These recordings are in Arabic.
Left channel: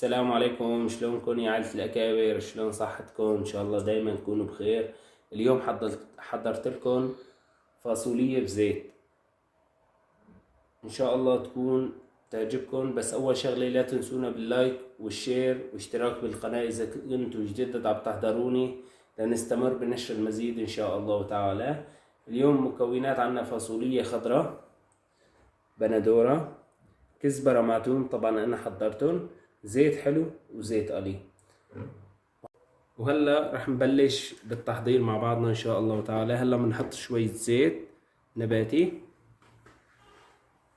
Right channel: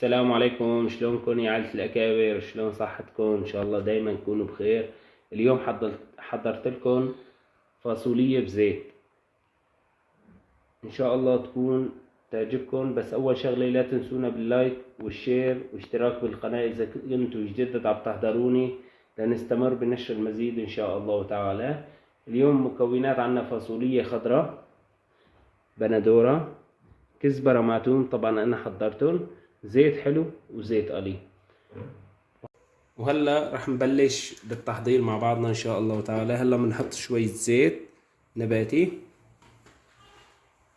السلام عليكم، شلونكم يا عائلة الأكابر؟ شلون صحتكم؟ إن شاء الله دايما تكونوا بخير. اليوم حضرت لكم فاصولية بزيت، إن شاء الله تكون تعجبكم. بس أول شغلة لا تنسونا باللايك والشير واشتراك بالقناة إذا كنتوا جديد عم تحضروني لنستمر بنشر المزيد إن شاء الله تعالى. اليوم مكونات: عنا فاصولية خضراء، بندورة، كزبرة مع توم، طبعا أنا حضرتهم، زيت حلو وزيت قلي. وهلا رح نبلش بالتحضير مع بعضنا ان شاء الله تعالى. هلا بنحط شوية زيت نباتي،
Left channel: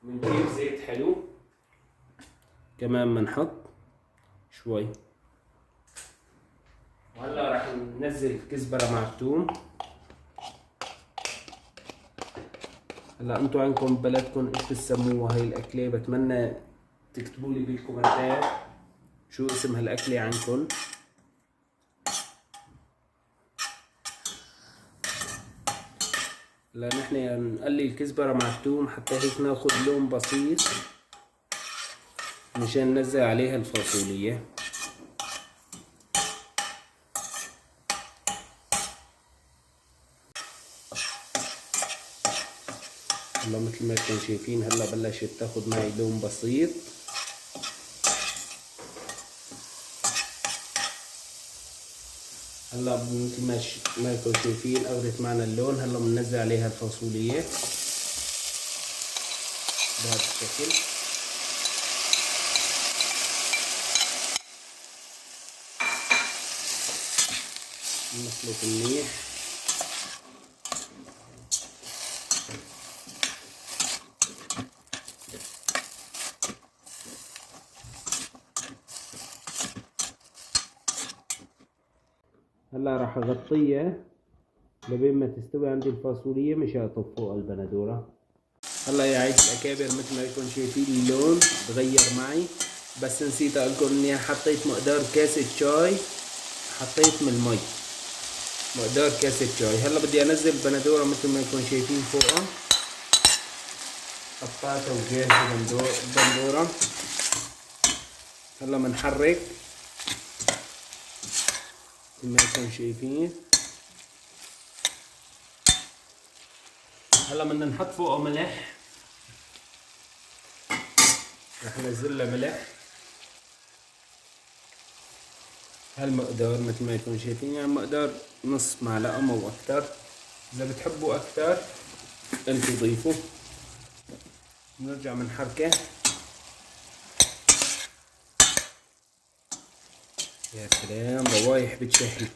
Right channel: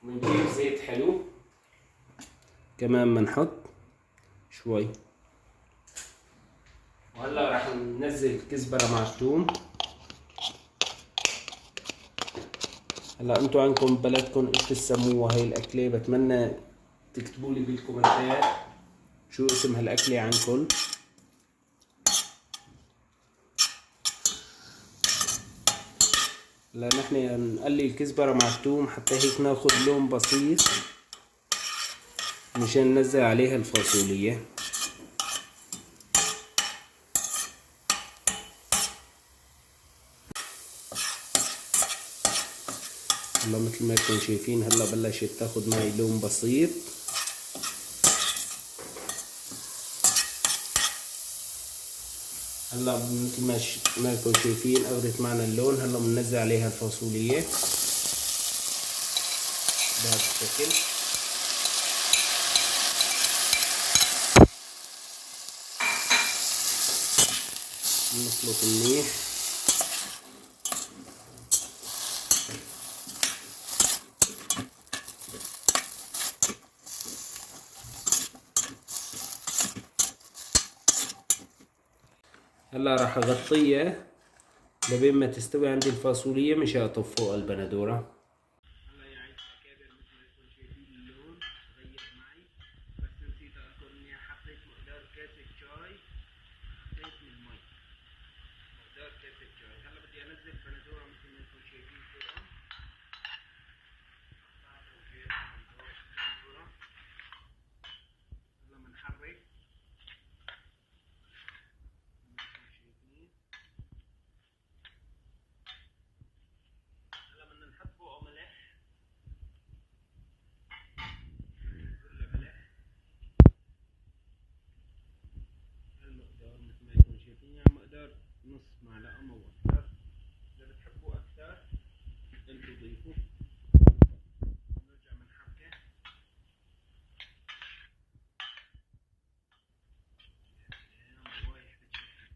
بنجيب زيت حلو كمان بنحط شوي. وهلا رح ننزل كزبرة مع الثوم. هلا انتو عندكم ببلدكم ايش بتسموها هاي الاكلة؟ بتمنى تكتبوا لي بالكومنتات شو اسم هالاكلة عندكم. هلا نحن نقلي الكزبرة مع الثوم حتى هيك ناخد لون بسيط مشان ننزل عليها الفاصولية. هلا مثل ما انتم شايفين هلا بلشت تاخد معي لون بسيط. هلا مثل ما انتم شايفين اخذت معنا اللون. هلا بننزل عليها الفاصولية بهذا الشكل. نخلط منيح. هلا راح اغطيها لبين ما تستوي عندي الفاصولية مش اطفي فوق البندورة. هلا يا عيد الاكابر مثل ما انتم شايفين اللون تغير معي، بس نسيت اقولكم اني حطيت مقدار كاسة شاي، حطيت من المي مقدار كاسة شاي. هلا بدي انزل البندورة مثل ما انتم شايفين فوقها، قطعتها وجاهزة البندورة. هلا بنحرك مثل ما انتم شايفين. هلا بدنا نحط فوقه ملح، رح ننزل له ملح هالمقدار مثل ما انتم شايفين، يعني مقدار نص معلقة مو اكتر. اذا بتحبوا اكتر انتوا ضيفوا. بنرجع بنحركه. يا سلام روايح بتشهي.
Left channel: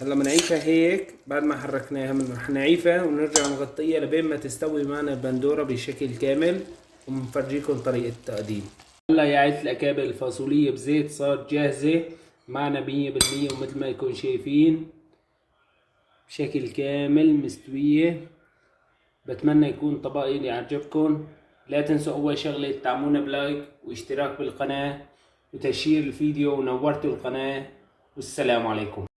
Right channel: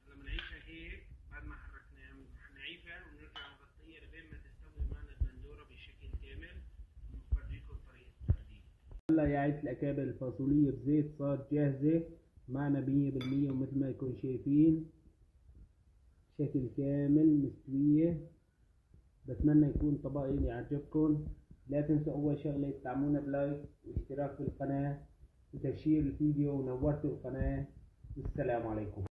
هلا بنعيفها هيك بعد ما حركناها، رح نعيفها ونرجع نغطيها لبين ما تستوي معنا البندورة بشكل كامل، وبنفرجيكم طريقة التقديم. هلا يا عيلة الأكابر الفاصولية بزيت صارت جاهزة معنا 100%، ومثل ما يكون شايفين بشكل كامل مستوية. بتمنى يكون طبقي يعجبكم. لا تنسوا أول شغلة تدعمونا بلايك واشتراك بالقناة وتشير الفيديو ونورتوا القناة. والسلام عليكم.